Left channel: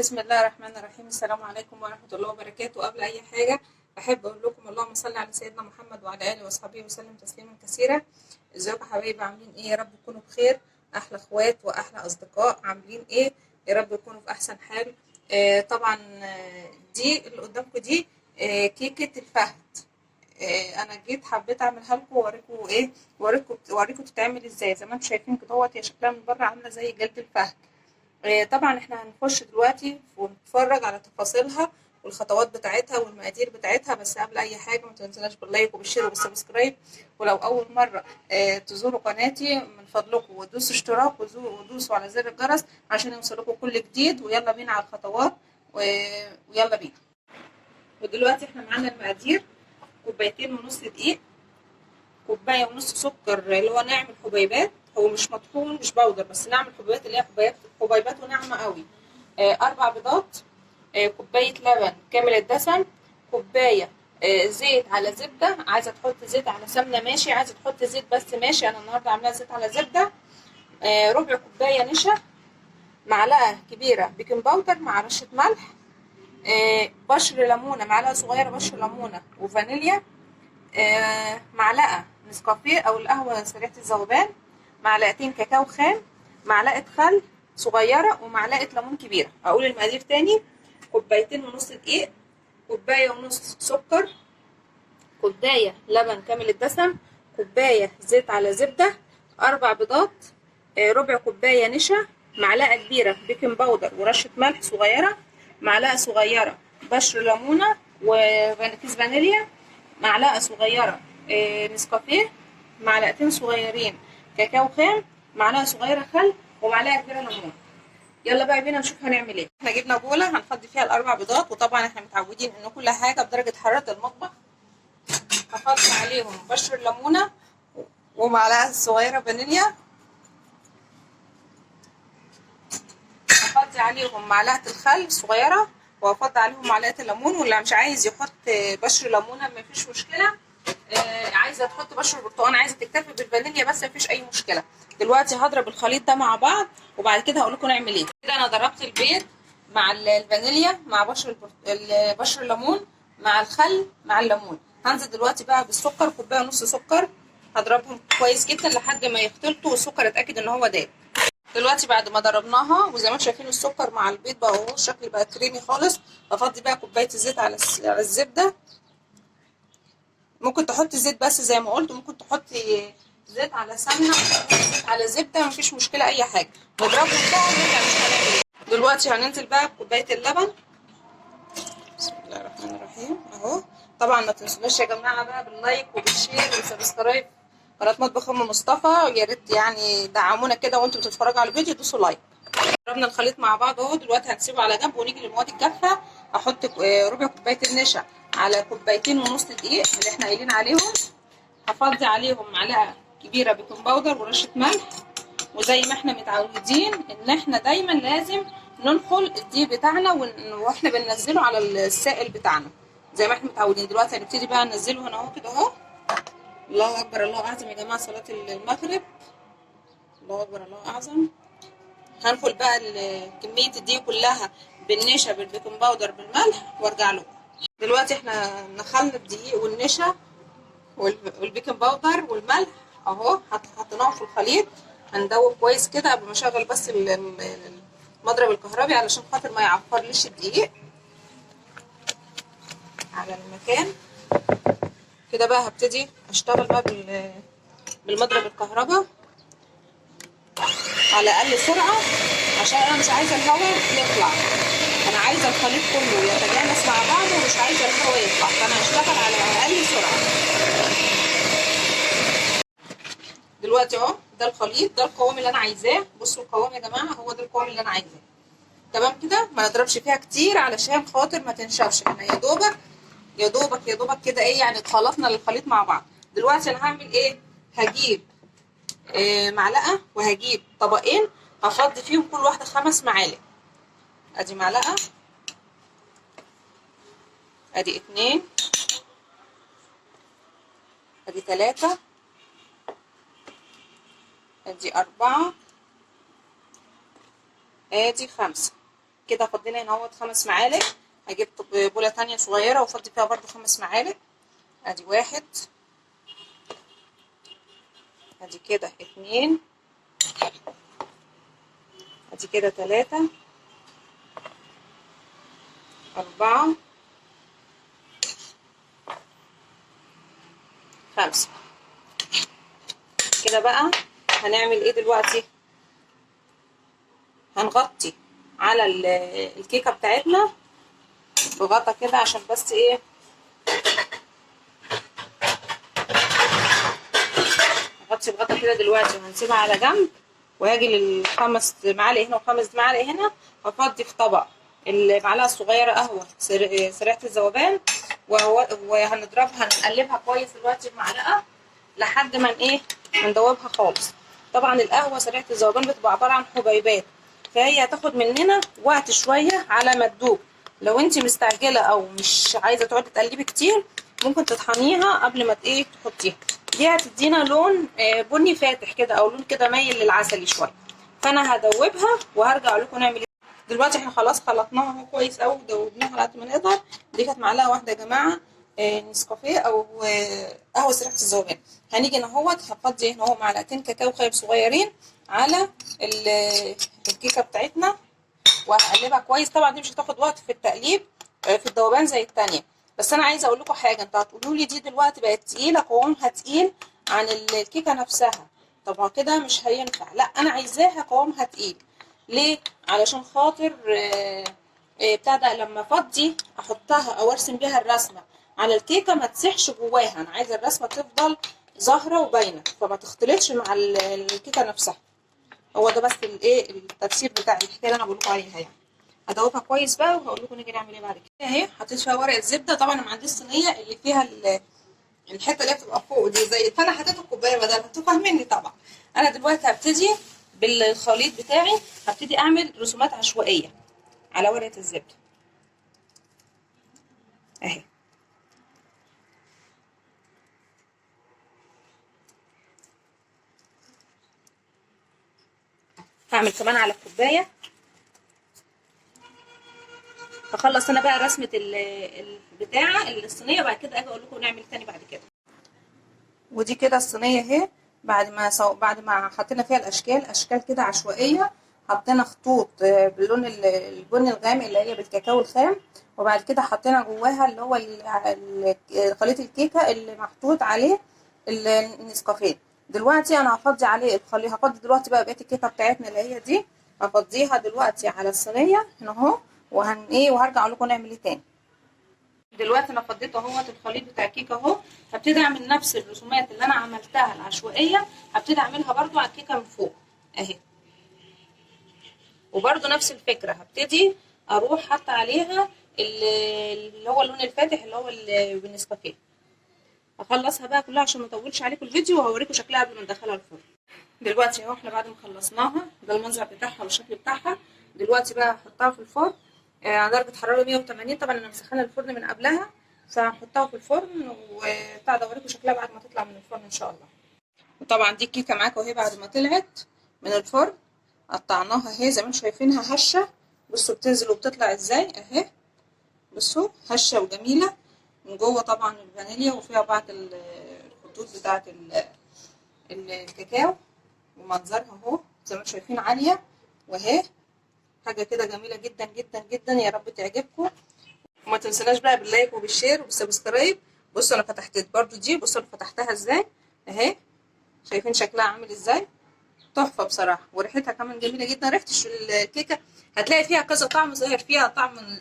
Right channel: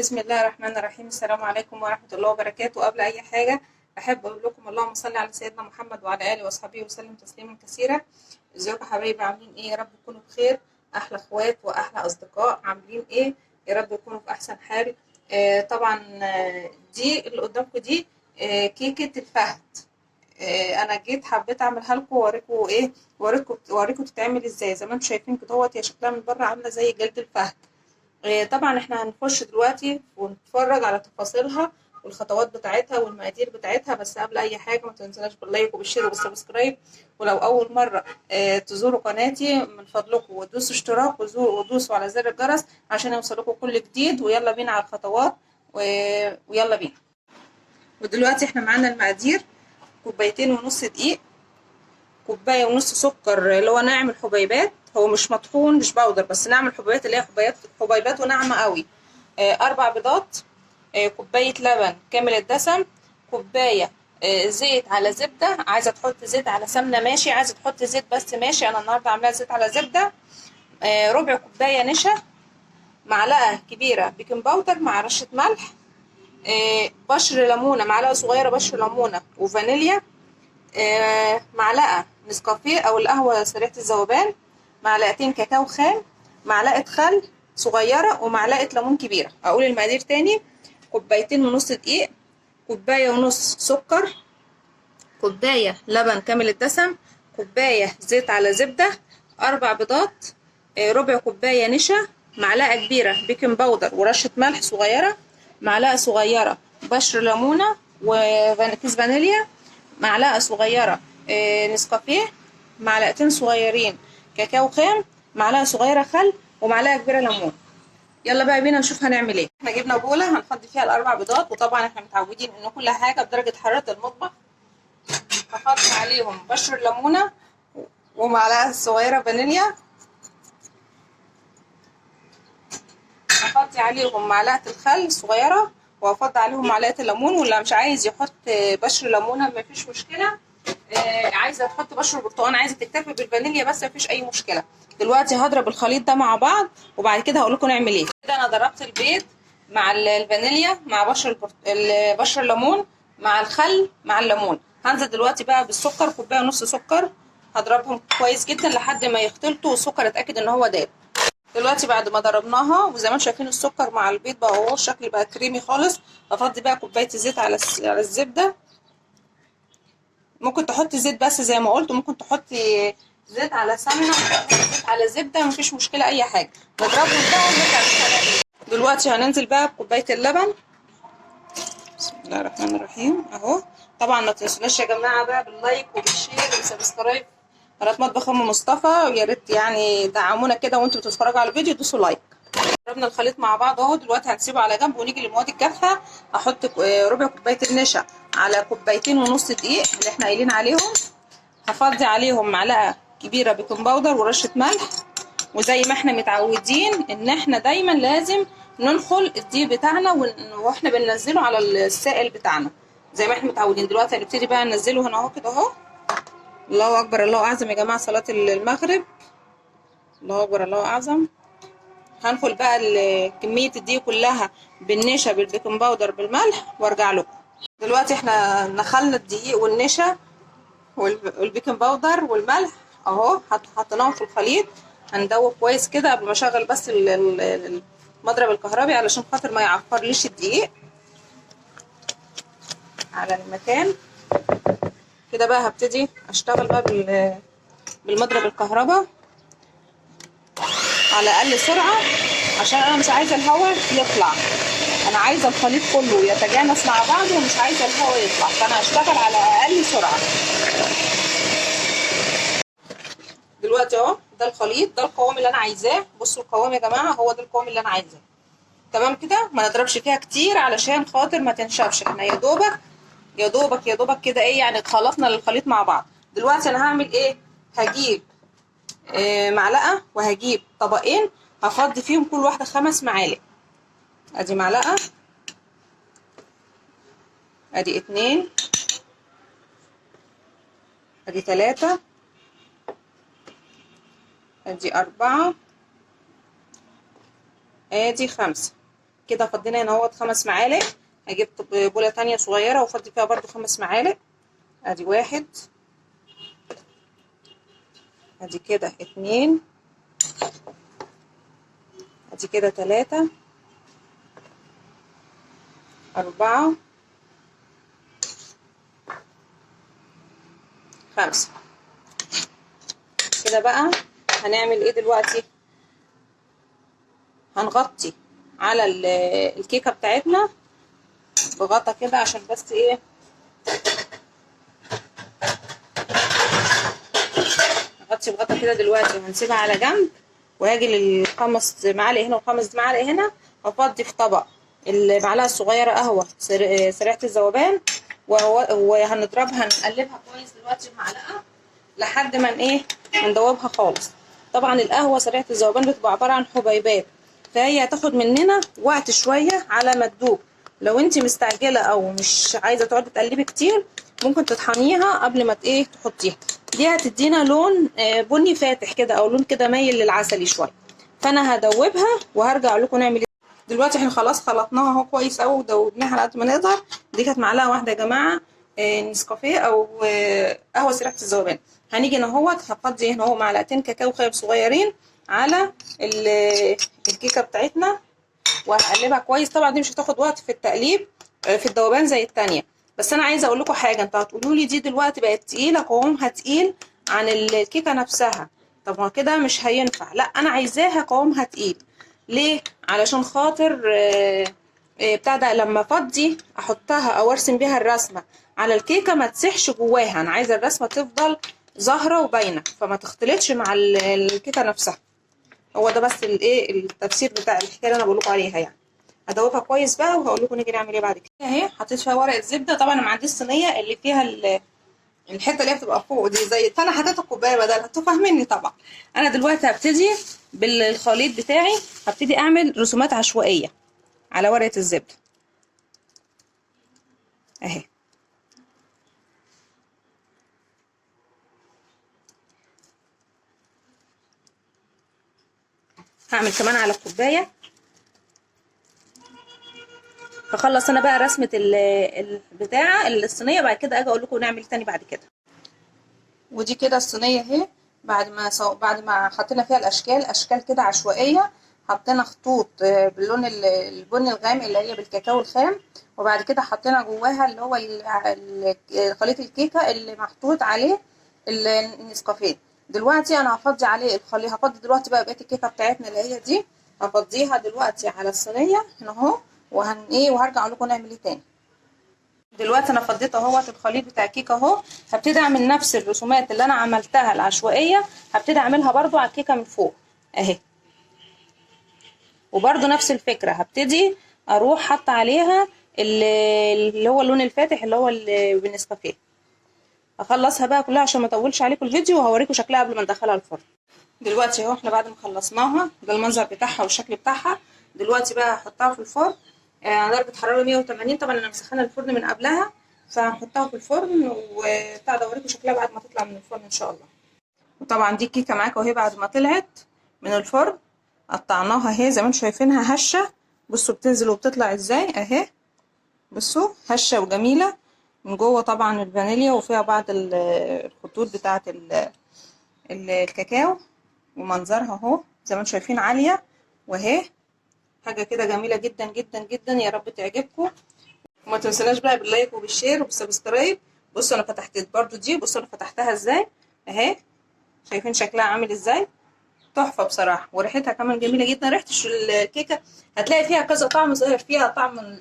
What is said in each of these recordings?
بسم الله الرحمن الرحيم. السلام عليكم ورحمة الله وبركاته. قبل أي حاجة أحب أقول لكم اللهم صل على سيدنا محمد وعلى آله وأصحابه وسلم تسليما كثيرا. ازيكم حبايبي، عاملين إيه؟ يا رب تكونوا بخير. أحلى إخوات وأحلى أصدقاء، عاملين إيه؟ يا رب تكونوا في أحسن حال. طبعا دي اللي قدامكم دي كيكة الفهد. أنا جيت حبيت أعملها لكم وأوريكم إيه، وأوريكم تتعمل إزاي. زي ما انتم شايفين كده اهوت، هي شكلها من بره عاملة زي جلد الفهد. طبعا احنا هنخش دلوقتي ونتفرج على تفاصيلها والخطوات بتاعتها والمقادير بتاعتها. بس قبل اي حاجه ما تنسوناش باللايك وبالشير وبالسبسكرايب. ولو اول مره تزوروا قناتي من فضلكم ودوسوا اشتراك ودوسوا على زر الجرس عشان يوصلكم كل جديد. ويلا بينا على الخطوات ويلا بينا. ودلوقتي احنا معانا المقادير: كوبايتين ونص دقيق، كوبايه ونص سكر اللي هو ناعم الحبيبات، هو مش مطحون مش باودر، بس ناعم الحبيبات اللي هي حبيبات وناعمه قوي. 4 بيضات، كوبايه لبن كامل الدسم، كوبايه زيت على زبده. عايزه تحط زيت على سمنه ماشي، عايزه تحط زيت بس ماشي، انا النهارده عاملاها زيت على زبده. ربع كوبايه نشا، معلقه كبيره بيكنج باودر مع رشه ملح، بشر ليمونه، معلقه صغيره بشر ليمونه وفانيليا، معلقه نسكافيه او القهوه سريعه الذوبان، معلقتين كاكاو خام، معلقه خل صغيره، ومعلقه ليمون كبيره. اقول المقادير تاني: كوبايتين ونص دقيق، كوبايه ونص سكر، كوبايه لبن كامل الدسم، كوبايه زيت على زبده، 4 بيضات، ربع كوبايه نشا، معلقه كبيره بيكنج باودر ورشه ملح صغيره، معلقه صغيره بشر ليمونه وكيس فانيليا، معلقه صغيره نسكافيه، معلقتين صغيرين كاكاو خام، معلقه صغيره خل، ومعلقه كبيره ليمون. يلا بقى بينا نشوف هنعمل ايه. احنا جبنا بوله هنفضي فيها ال4 بيضات، وطبعا احنا متعودين ان كل حاجه بدرجه حراره المطبخ. هحط عليهم بشر الليمونه ومعلقه صغيره فانيليا، هحط عليهم معلقه الخل صغيره، وهفضي عليهم معلقه الليمون. واللي مش عايز يحط بشر ليمونه مفيش مشكله، عايزه تحط بشر برتقال، عايزه تكتفي بالفانيليا بس مفيش اي مشكله. دلوقتي هضرب الخليط ده مع بعض وبعد كده هقول لكم نعمل ايه. كده انا ضربت البيض مع الفانيليا مع بشر الليمون مع الخل مع الليمون. هنزل دلوقتي بقى بالسكر، كوبايه ونص سكر، هضربهم كويس جدا لحد ما يختلطوا والسكر اتاكد ان هو داب. دلوقتي بعد ما ضربناها وزي ما انتم شايفين السكر مع البيض بقى اهو الشكل بقى كريمي خالص، هفضي بقى كوبايه الزيت على الزبده. ممكن تحطي زيت بس زي ما قلت، وممكن تحطي زيت على سمنه، زيت على زبده، مفيش مشكله اي حاجه. نضربهم بقى ونرجع نشتغل. دلوقتي هننزل بقى بكوبايه اللبن. بسم الله الرحمن الرحيم اهو. طبعا ما تنسوناش يا جماعه بقى باللايك وبالشير والسبسكرايب قناه مطبخ ام مصطفى. يا ريت يعني دعمونا كده وانتوا بتتفرجوا على الفيديو، دوسوا لايك. ضربنا الخليط مع بعض اهو. دلوقتي هنسيبه على جنب ونيجي للمواد الجافه. احط ربع كوبايه النشا على كوبايتين ونص دقيق اللي احنا قايلين عليهم. هفضي عليهم معلقه كبيره بيكنج باودر ورشه ملح. وزي ما احنا متعودين ان احنا دايما لازم ننخل الدقيق بتاعنا واحنا بننزله على السائل بتاعنا زي ما احنا متعودين. دلوقتي هنبتدي بقى ننزله هنا اهو كده اهو. الله اكبر الله اعظم يا جماعه، صلاه المغرب. الله اكبر الله اعظم. هنخل بقى كميه الدقيق كلها بالنشا بالبيكنج باودر بالملح وارجع لكم. دلوقتي احنا نخلنا الدقيق والنشا والبيكنج باودر والملح اهو، حطيناهم في الخليط. هندوب كويس كده قبل ما اشغل بس المضرب الكهربي علشان خاطر ما يعفرليش الدقيق على المكان كده. بقى هبتدي اشتغل بقى بالمضرب الكهرباء على اقل سرعه عشان انا مش عايزه الهواء يطلع، انا عايزه الخليط كله يتجانس مع بعضه ومش عايزه الهواء يطلع، فانا هشتغل على اقل سرعه. دلوقتي اهو ده الخليط، ده القوام اللي انا عايزاه. بصوا القوام يا جماعه، هو ده القوام اللي انا عايزاه. تمام كده، ما نضربش فيها كتير علشان خاطر ما تنشفش. احنا يا دوبك يا دوبك يا دوبك كده ايه يعني خلطنا الخليط مع بعض. دلوقتي انا هعمل ايه؟ هجيب معلقه وهجيب طبقين، هفضي فيهم كل واحده 5 معالق. ادي معلقه، ادي 2، ادي 3، ادي 4، ادي 5. كده فضينا هنا اهوت 5 معالق. هجيب بوله تانية صغيره وافضي فيها برده 5 معالق. ادي 1، ادي كده 2، ادي كده 3، 4، 5. كده بقى هنعمل ايه دلوقتي؟ هنغطي على الكيكه بتاعتنا بغطا كده، عشان بس ايه، نغطي بغطا كده دلوقتي وهنسيبها على جنب. وهاجي لل5 معالق هنا و5 معالق هنا، هفضي في طبق المعلقه الصغيره قهوه سريعه الذوبان، وهنضربها نقلبها كويس دلوقتي بمعلقه لحد ما ايه، ندوبها خالص. طبعا القهوه سريعه الذوبان بتبقى عباره عن حبيبات، فهي هتاخد مننا وقت شويه على ما تدوب. لو انت مستعجله او مش عايزه تقعدي تقلبي كتير، ممكن تطحنيها قبل ما ايه تحطيها. دي هتدينا لون بني فاتح كده، او لون كده مايل للعسلي شويه. فانا هدوبها وهرجع لكم نعمل ايه. دلوقتي احنا خلاص خلطناها اهو كويس قوي ودوبناها على قد ما نقدر. دي كانت معلقه واحده يا جماعه نسكافيه او قهوه سريعه الذوبان. هنيجي هنا اهوت هفضي هنا اهو معلقتين كاكاو خام صغيرين على الكيكه بتاعتنا، وهقلبها كويس. طبعا دي مش هتاخد وقت في التقليب في الذوبان زي التانية. بس انا عايزه اقول لكم حاجه، انتوا هتقولوا لي دي دلوقتي بقت تقيله، قوامها تقيل عن الكيكه نفسها. طب ما كده مش هينفع. لا، انا عايزاها قوامها تقيل. ليه؟ علشان خاطر بتاع ده لما افضي احطها او ارسم بيها الرسمه على الكيكه ما تسيحش جواها. انا عايزه الرسمه تفضل ظاهره وباينه، فما تختلطش مع الكيكه نفسها. هو ده بس الايه التفسير بتاع الحكايه اللي انا بقول لكم عليها يعني. هدوبها كويس بقى وهقول لكم نيجي نعمل ايه بعد كده. اهي حطيت فيها ورقه زبده. طبعا انا ما عنديش صينيه اللي فيها الحته اللي هي بتبقى فوق دي، زي فانا حطيت الكوبايه بدلها. انتوا فاهميني طبعا. انا دلوقتي هبتدي بالخليط بتاعي، هبتدي اعمل رسومات عشوائيه على ورقه الزبده اهي. هعمل كمان على الكوبايه. هخلص انا بقى رسمه البتاعه الصينيه، بعد كده اجي اقول لكم نعمل تاني بعد كده. ودي كده الصينيه اهي. بعد ما حطينا فيها اشكال كده عشوائيه. حطينا خطوط باللون البني الغامق اللي هي بالكاكاو الخام، وبعد كده حطينا جواها اللي هو خليط الكيكه اللي محطوط عليه النسكافيه. دلوقتي انا هفضي عليه الخليط. هفضي دلوقتي بقى بقيه الكيكه بتاعتنا اللي هي دي، هفضيها دلوقتي على الصينيه هنا اهو. وهرجع لكم نعمل ايه تاني. دلوقتي انا فضيت اهوت الخليط بتاع الكيكه اهو. هبتدي اعمل نفس الرسومات اللي انا عملتها العشوائيه، هبتدي اعملها برضو على الكيكه من فوق اهي. وبرضو نفس الفكره، هبتدي اروح حاطه عليها اللي هو اللون الفاتح اللي هو بالنسكافيه. هخلصها بقى كلها عشان ما اطولش عليكم الفيديو، وهوريكم شكلها قبل ما ندخلها الفرن. دلوقتي اهو احنا بعد ما خلصناها، ده المنظر بتاعها والشكل بتاعها. دلوقتي بقى هحطها في الفرن على درجه حراره 180. طبعا انا مسخنه الفرن من قبلها، فهنحطها في الفرن وبتاع ده اوريكم شكلها بعد ما تطلع من الفرن ان شاء الله. وطبعا دي الكيكه معاكم اهي بعد ما طلعت من الفرن. قطعناها اهي زي ما انتم شايفينها هشه. بصوا بتنزل وبتطلع ازاي اهي. بصوا هشه وجميله من جوه. طبعا الفانيليا وفيها بعض الخطوط بتاعه الكاكاو، ومنظرها اهو زي ما انتم شايفين عاليه. واهي حاجه كده جميله جدا جدا جدا. يا رب تعجبكم. وما تنسوناش بقى باللايك وبالشير وبالسبسكرايب. بصوا انا فتحت برضو دي. بصوا انا فتحتها ازاي اهي. شايفين شكلها عامل ازاي؟ تحفه بصراحه. وريحتها كمان جميله جدا. ريحه الكيكه هتلاقي فيها كذا طعم ظاهر فيها.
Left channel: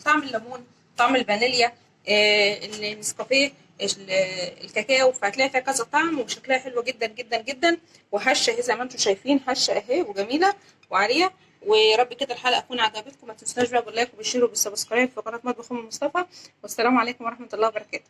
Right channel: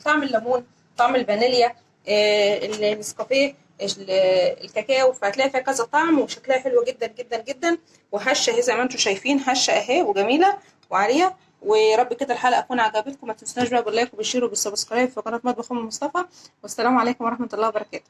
طعم الليمون، طعم الفانيليا، النسكافيه، الكاكاو. فهتلاقي فيها كذا طعم وشكلها حلو جدا جدا جدا. وهشه اهي زي ما انتم شايفين، هشه اهي وجميله وعاليه. ويا رب كده الحلقه تكون عجبتكم. ما تنسوناش بقى باللايك وبالشير وبالسبسكرايب في قناه مطبخ ام مصطفى. والسلام عليكم ورحمه الله وبركاته.